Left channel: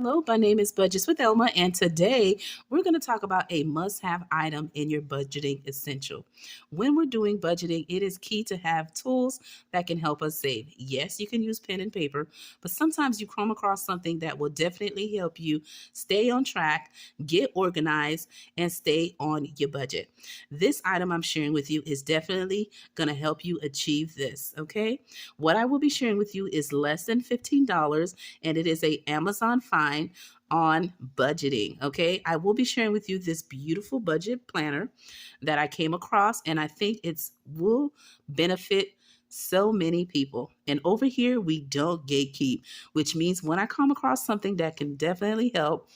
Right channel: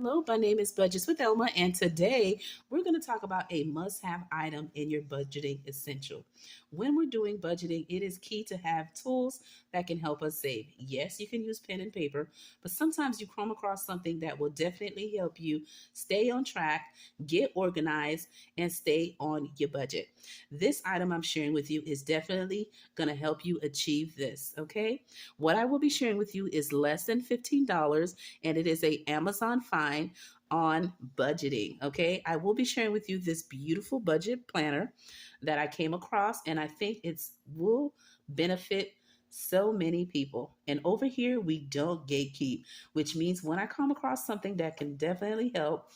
Hello, my name is Budgets with Elma, and today we're going to talk about a must have item in your budgeting essential. When we're doing budgeting, it is key to have tools that can help us save. Yes, you can use pen and paper, but sometimes you come across something that will definitely help you stay on track, get organized, and stay on your budget. This item I'm sharing with you is definitely going to help you achieve this, okay? What I will be sharing with you is less than $15, and it is a Amazon find on budgeting. Okay, I will be sharing with you this beautiful budget planner that I came across, and I think it's will benefit so many people. And over here, we don't gatekeep, which means when I come across something that can definitely help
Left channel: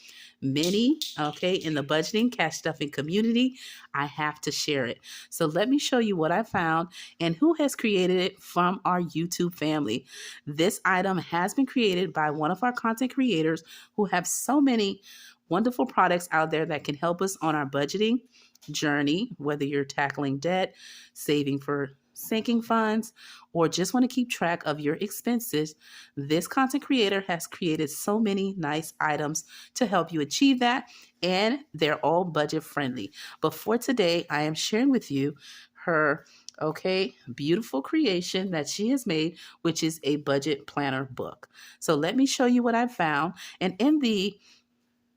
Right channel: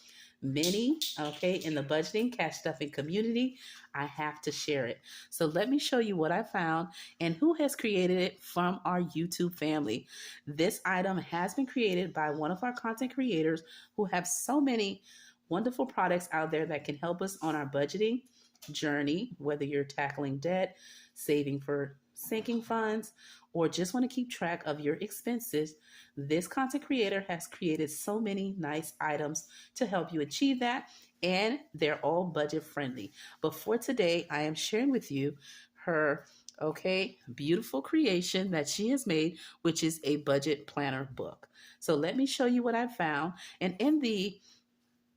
many, okay, in the budgeting cash stuffing community, I have to share it. So let me show you what I found and who has created it from our YouTube family. This item has been created by one of our content creators who have so many wonderful products out there that can help us on our budgeting journey, whether you're tackling debt, saving for sinking funds, or just want to keep track of your expenses. This content creator has created so many nice items to help you achieve that, and they're all budget friendly. But for today, I am sharing with you her beautiful creation that she has made, which is a budget planner book. So let me show you what I found. And in the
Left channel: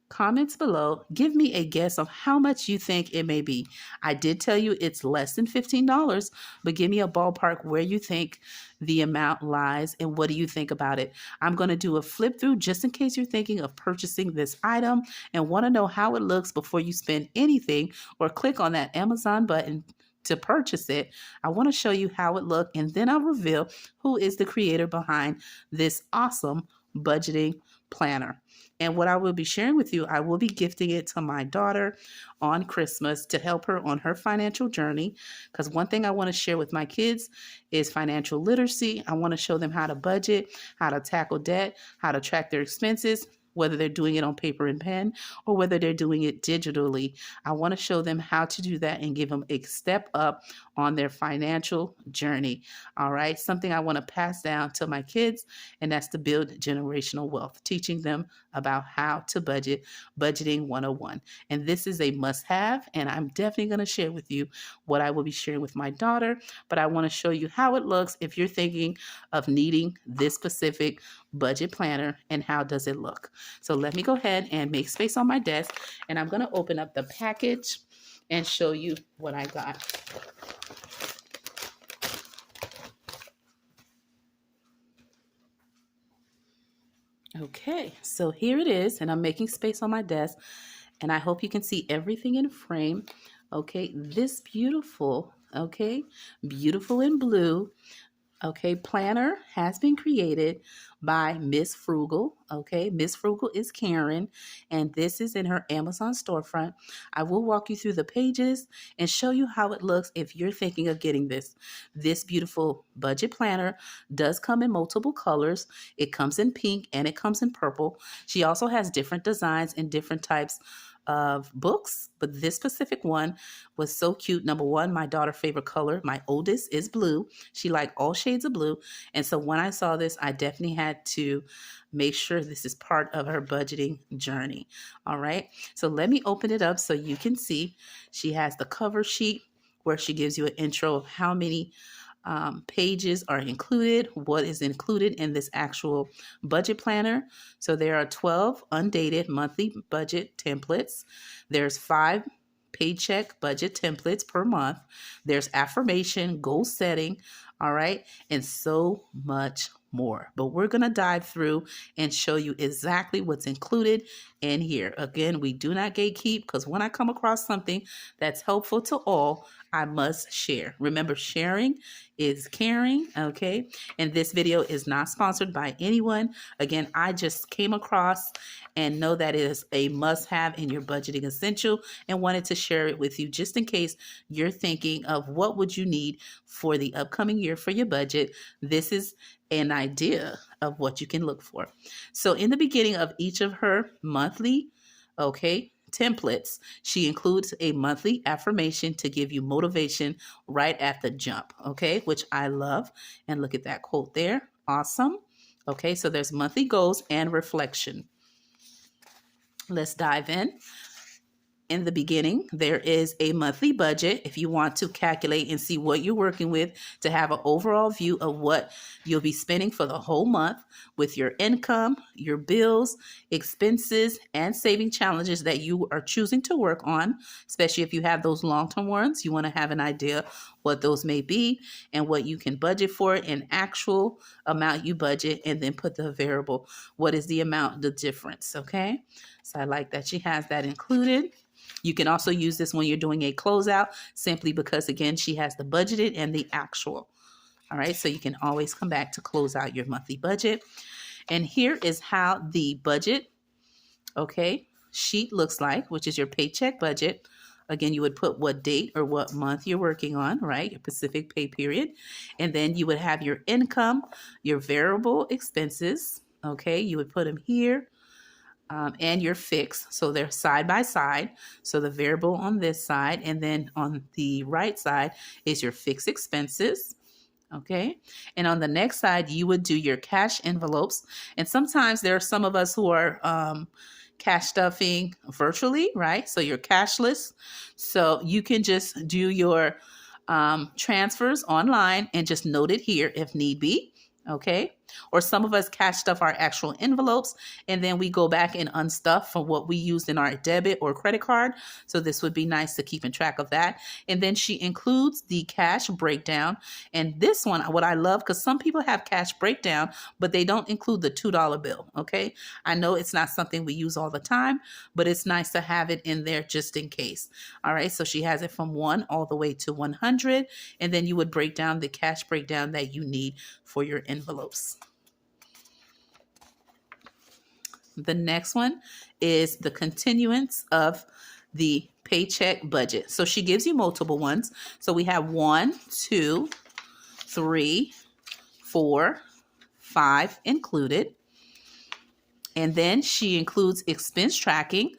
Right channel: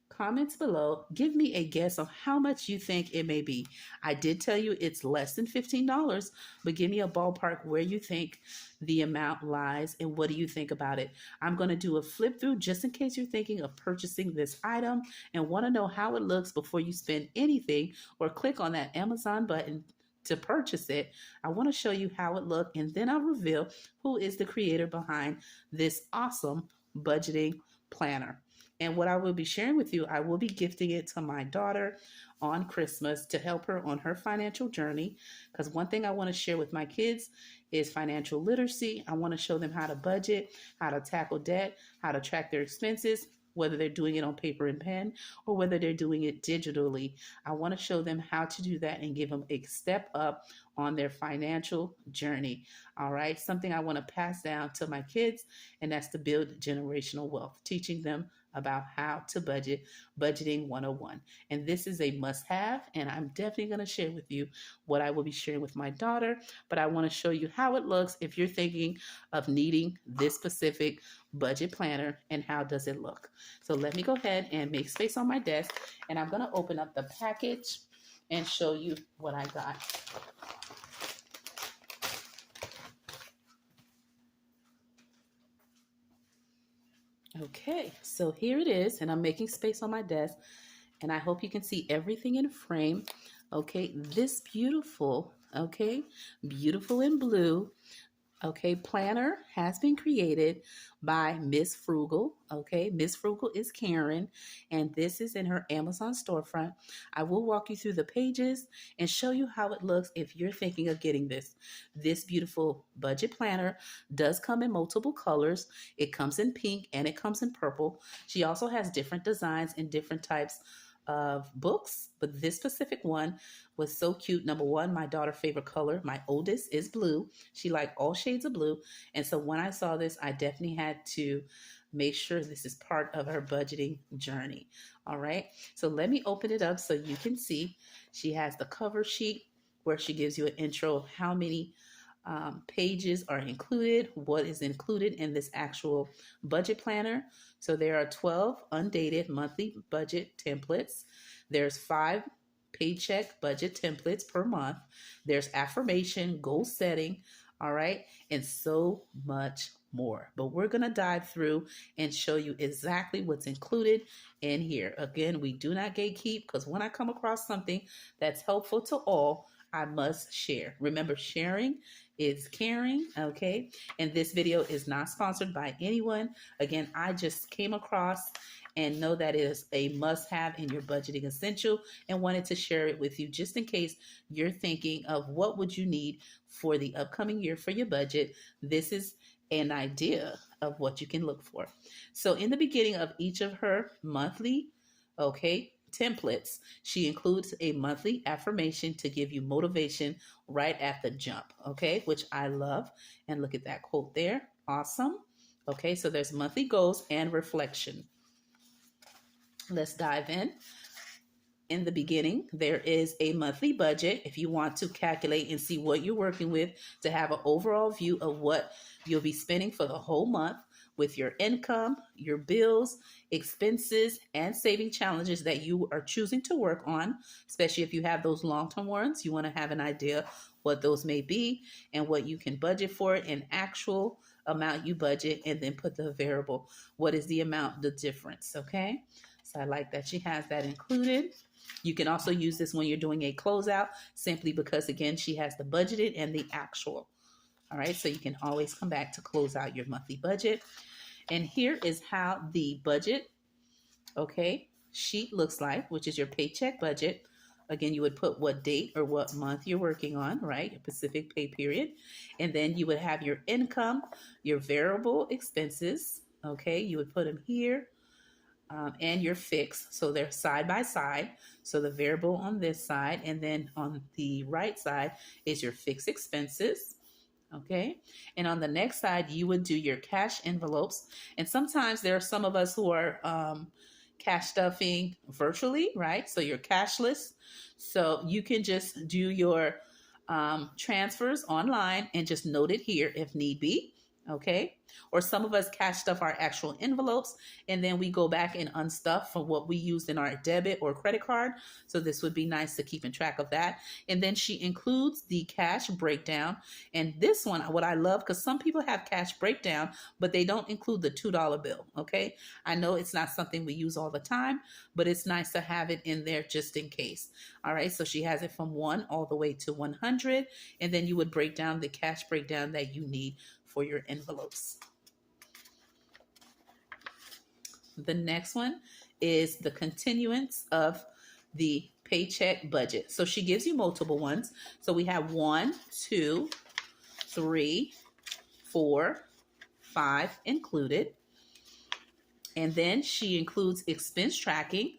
comments below, give me a guess of how much you think it may be. I did tell you it's less than $15, but give me a ballpark where you think the amount lies and what do you think about it. I'm going to do a flip through just in case you're thinking of purchasing this item and want to know how it looks before you spend anything or click on that Amazon button to purchase it. I want to show you how it looked, and then I'll reveal who is the creator behind this awesome budgeting planner. And what I will be sharing with you, I will be gifting it to my daughter on Christmas to help her on her financial journey. Because one thing I want to share with my kids is financial literacy. I want to show them how to budget, how to tackle debt, how to track their expenses, whether they're doing it on paper and pen or whether they're doing it digitally. I want to show them how to do that and give them a step up on their financial journey. All right. Something I want to pass down to my kids, and that's to build generational wealth, teaching them about how to budgeting 101. And this is a must have. And I'm definitely going to share with you what I will be sharing with my daughter. But I want to show you how it looks if you're thinking of needing this specific budget planner and how does it look. So let me go ahead and make space on my desk, and I'm going to open up the package and show you what I got. Okay, so here it is, and I'm making space on my desk, and I hope you can see everything in frame. Okay, this beautiful in blue, planner has been created by Miss Frugal. Okay, Miss Frugal is Karen, and this is in her Amazon storefront. I will walk you through the pages and show you how it looks if you're thinking of getting this. This beautiful budget planner does come in multiple colors. It comes in pink and it comes in purple. She also has different designs and different types of books, but this specific one was so cute. Number one, my daughter's favorite color, my oldest, is blue. She liked all shades of blue. And so when I saw this, I definitely had to make sure this is part of her budgeting journey. All right. So let me open it up so you can see. She has the cover sheet where she gives you an intro of how many pages are included, what is included in this actual budget planner. So there are 12 undated monthly budget templates. There's 5 paycheck budget templates per month. There's affirmation, goal setting, all right, and so much more. But we're going to dive through and show you exactly what's included in here. Again, we do not gatekeep, because when I come across something that's helpful to all, I must share. Remember, sharing is caring, okay? And this video is not sponsored by anyone. Again, I just came across and know that it is a must-have in your budgeting essential and wanted to share it with you just in case you're thinking of what would you need for the upcoming year for your budget. This is an idea of what you can look for. So in the beginning of each of her monthly, templates, she includes a monthly affirmation to give you motivation right at the jump, which I love. And look at that quote there. Awesome. Okay, so there's monthly goals and reflection. Let's dive in. In the beginning, there is a monthly budget if you want to calculate and see what you're working with to have an overall view of what you'll be spending for the whole month with your income, your bills, expenses, and saving challenges that you are choosing to work on, especially if you have those long-term ones. You want to have an idea what those may be and what you can budget for, an actual amount you budget, and then put the variable. What is the amount, the difference, okay? So I like that she has that included. You can also use this when you're doing a closeout simply because, again, she has the budgeted and the actual. All right, so you can always come back to close out your monthly budget. And here is how the budget, okay, sheet looks like, which is your paycheck budget. Again, you would put what date or what month you're working on, right? Your specific pay period. And then you would have your income, your variable expenses, okay? You would put them here. And your fixed. So they're side by side. So the variable on this side, and then on the right side is your fixed expenses. Okay. And on the next side, you would do your cash envelopes. And sometimes there are some of us who are cash stuffing virtually, right? So you're cashless. So you can just do your transfers online and just note it here if need be. Okay. Or some of us cash stuff our actual envelopes and then we go back and unstuff from what we used in our debit or credit card. So this would be nice to keep in track of that. And then she includes the cash breakdown. And this one, what I love, because some people have cash breakdown, but they don't include the $2 bill. Okay. I know it's not something we use all the time, but it's nice to have it in there just in case. All right. So she has it from 1 all the way to 100. And then you would break down the cash breakdown that you need for your envelopes. The next one is the continuance of the paycheck budget. So she gives you multiple ones. So we have 1, 2, 3, 4, 5 included. And then she includes expense tracking.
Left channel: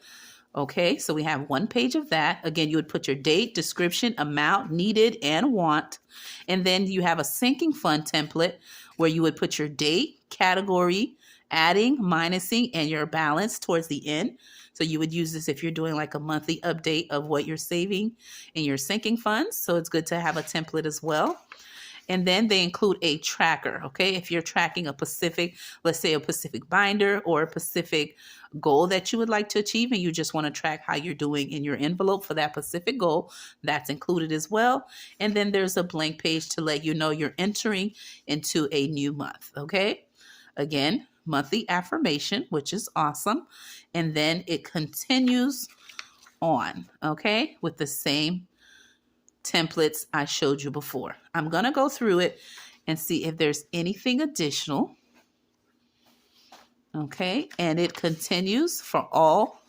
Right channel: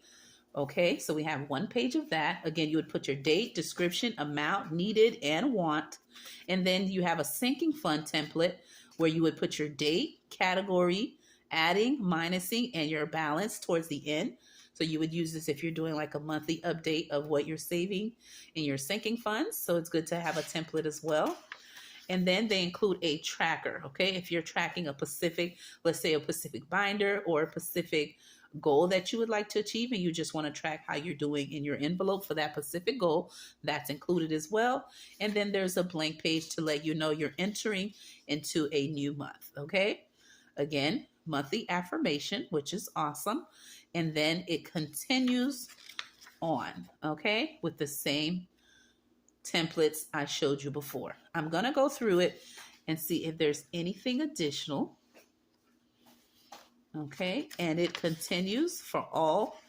Okay, so we have 1 page of that. Again, you would put your date, description, amount needed, and want. And then you have a sinking fund template where you would put your date, category, adding, minusing, and your balance towards the end. So you would use this if you're doing like a monthly update of what you're saving in your sinking funds. So it's good to have a template as well. And then they include a tracker, okay? If you're tracking a specific, let's say a specific binder or a specific goal that you would like to achieve and you just want to track how you're doing in your envelope for that specific goal, that's included as well. And then there's a blank page to let you know you're entering into a new month, okay? Again, monthly affirmation, which is awesome. And then it continues on, okay, with the same templates I showed you before. I'm going to go through it and see if there's anything additional. Okay, and it continues for all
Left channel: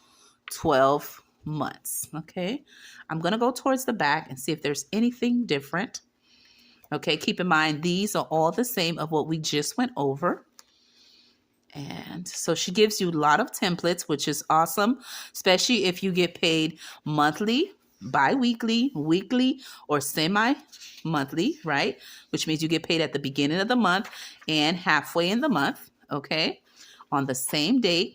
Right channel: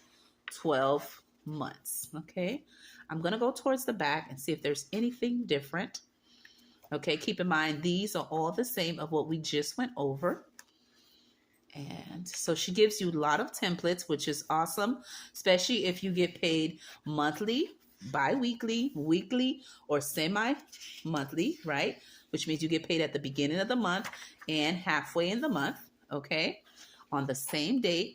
12 months. Okay, I'm going to go towards the back and see if there's anything different. Okay, keep in mind, these are all the same of what we just went over. And so she gives you a lot of templates, which is awesome, especially if you get paid monthly, bi-weekly, weekly, or semi-monthly, right? Which means you get paid at the beginning of the month and halfway in the month, okay, on the same date.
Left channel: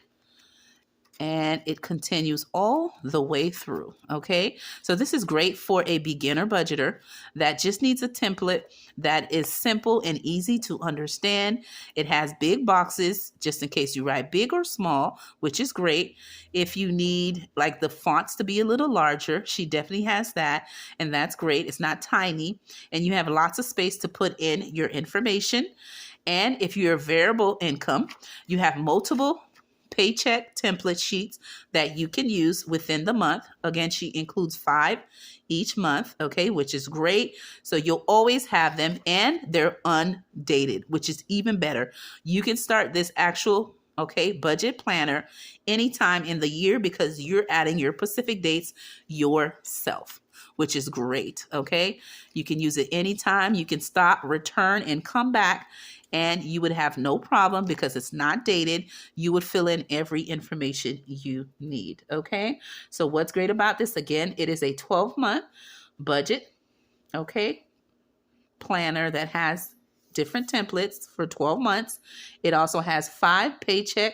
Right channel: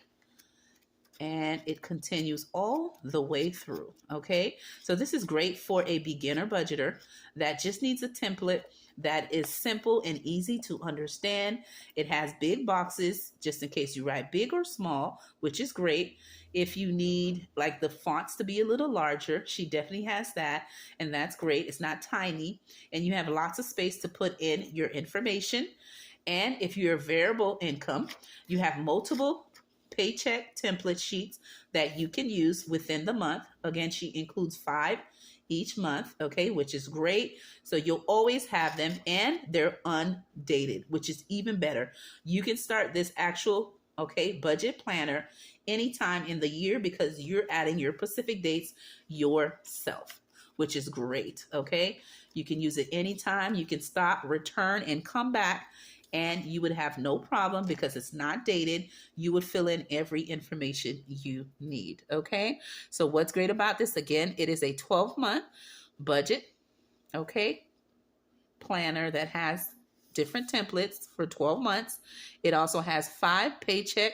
And it continues all the way through, okay? So this is great for a beginner budgeter that just needs a template that is simple and easy to understand. It has big boxes just in case you write big or small, which is great. If you need like the fonts to be a little larger, she definitely has that, and that's great. It's not tiny, and you have lots of space to put in your information. And if you're variable income, you have multiple paycheck template sheets that you can use within the month. Again, she includes 5 each month, okay, which is great. So you'll always have them and they're undated, which is even better. You can start this actual, okay, budget planner anytime in the year because you're adding your specific dates yourself, which is great, okay? You can use it anytime. You can stop, return, and come back, and you would have no problem because it's not dated. You would fill in every information you need, okay? So what's great about this, again, it is a 12-month budget, okay, planner that has different templates for 12 months. It also has 5 paycheck,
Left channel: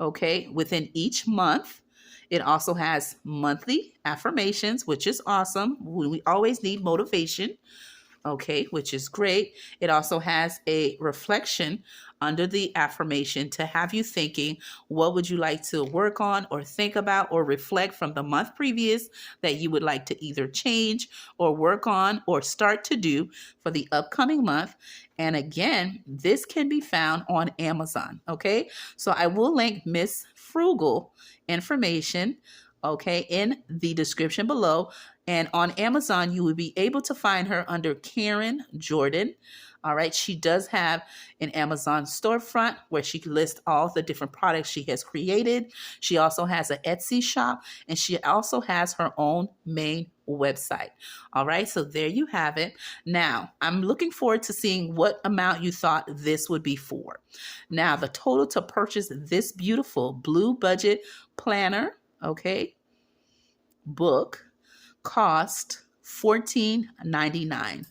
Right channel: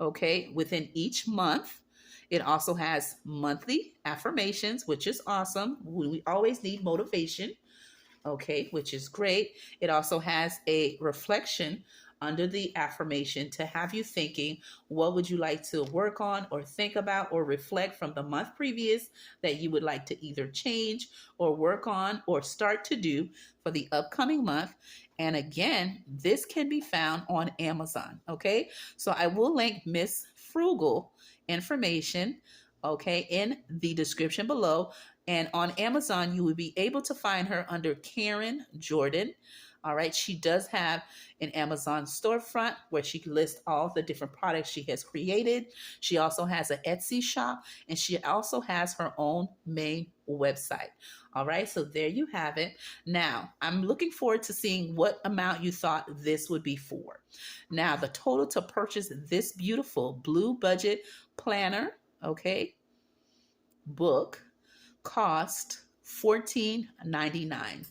okay, within each month. It also has monthly affirmations, which is awesome. We always need motivation, okay, which is great. It also has a reflection under the affirmation to have you thinking, what would you like to work on or think about or reflect from the month previous that you would like to either change or work on or start to do for the upcoming month. And again, this can be found on Amazon, okay? So I will link Miss Frugal information, okay, in the description below. And on Amazon, you will be able to find her under Karen Jordan. All right. She does have an Amazon storefront where she lists all the different products she has created. She also has an Etsy shop, and she also has her own main website. All right. So there you have it. Now, I'm looking forward to seeing what amount you thought this would be for. Now, the total to purchase this beautiful blue budget planner, okay, book cost $14.99.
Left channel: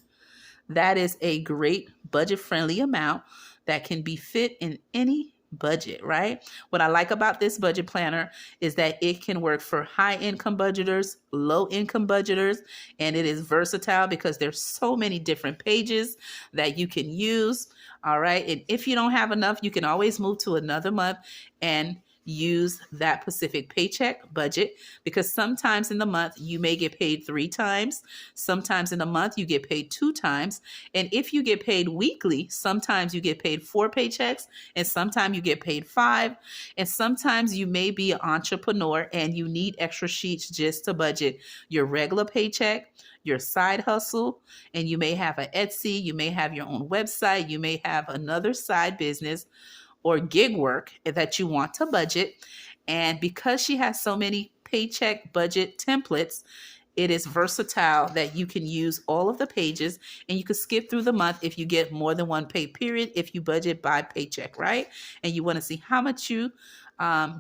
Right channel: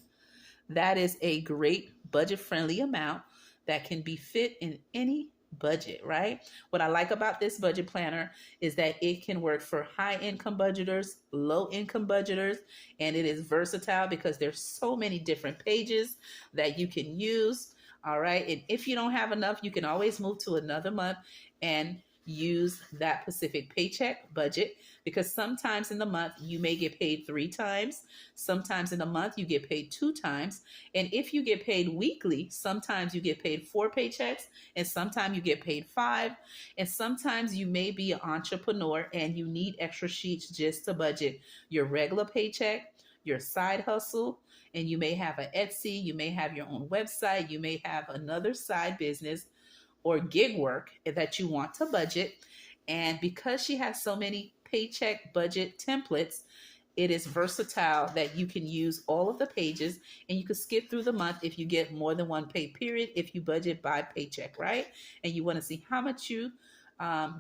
That is a great budget-friendly amount that can be fit in any budget, right? What I like about this budget planner is that it can work for high-income budgeters, low-income budgeters, and it is versatile because there's so many different pages that you can use. All right. And if you don't have enough, you can always move to another month and use that specific paycheck budget, because sometimes in the month you may get paid 3 times. Sometimes in a month you get paid 2 times. And if you get paid weekly, sometimes you get paid 4 paychecks and sometimes you get paid 5. And sometimes you may be an entrepreneur and you need extra sheets just to budget your regular paycheck, your side hustle, and you may have an Etsy, you may have your own website, you may have another side business or gig work that you want to budget. And because she has so many paycheck budget templates, it is versatile that you can use all of the pages and you can skip through the month if you get more than one pay period, if you budget by paycheck, right? And you want to see how much you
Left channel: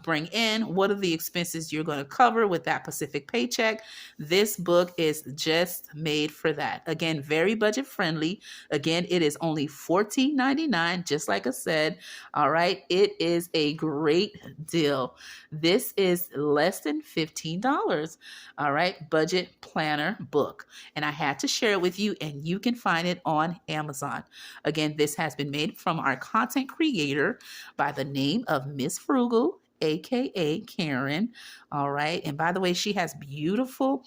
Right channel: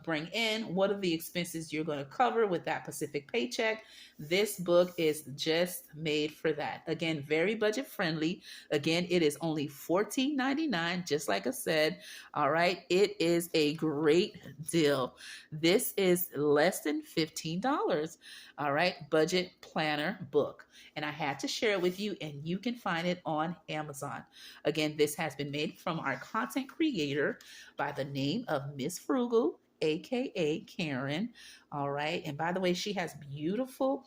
bring in, what are the expenses you're going to cover with that specific paycheck. This book is just made for that. Again, very budget friendly. Again, it is only $14.99, just like I said. All right. It is a great deal. This is less than $15. All right. Budget planner book. And I had to share it with you, and you can find it on Amazon. Again, this has been made from our content creator by the name of Miss Frugal, aka Karen. All right. And by the way, she has beautiful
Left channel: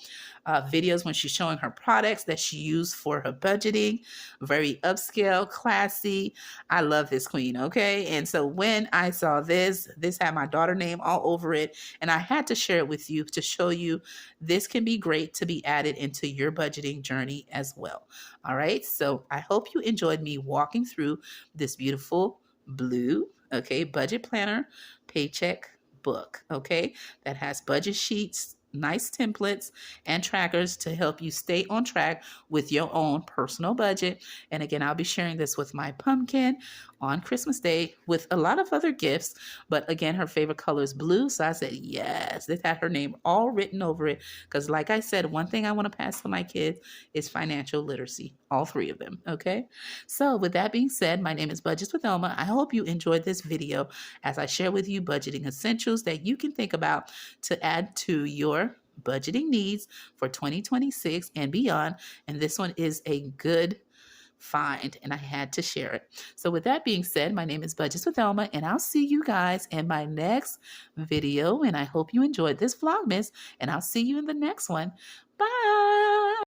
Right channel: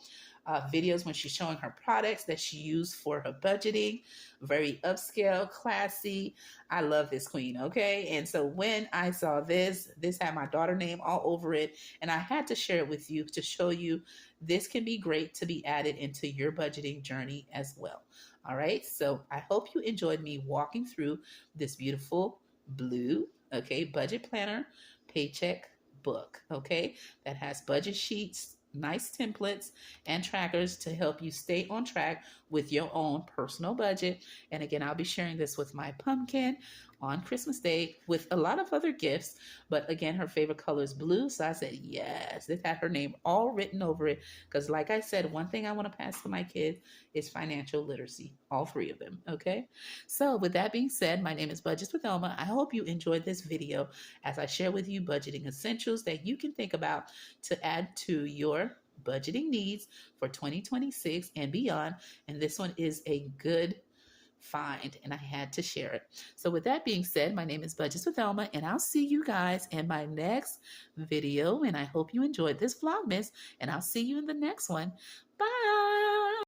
videos when she's showing her products that she used for her budgeting. Very upscale, classy. I love this queen. Okay. And so when I saw this had my daughter name all over it, and I had to share it with you to show you this can be great to be added into your budgeting journey as well. All right. So I hope you enjoyed me walking through this beautiful blue, okay, budget planner paycheck book, okay, that has budget sheets, nice templates, and trackers to help you stay on track with your own personal budget. And again, I'll be sharing this with my pumpkin on Christmas Day with a lot of other gifts. But again, her favorite color is blue. So I said, yes, this had her name all written over it. Because like I said, one thing I want to pass to my kids is financial literacy, all 3 of them. Okay. So with that being said, my name is Budgets with Elma. I hope you enjoyed this video as I share with you budgeting essentials that you can think about to add to your budgeting needs for 2026 and beyond. And this one is a good find, and I had to share it. So with that being said, my name is Budgets with Elma, and I'll see you guys in my next video. And I hope you enjoyed this Vlogmas, and I'll see you in the next one. Bye.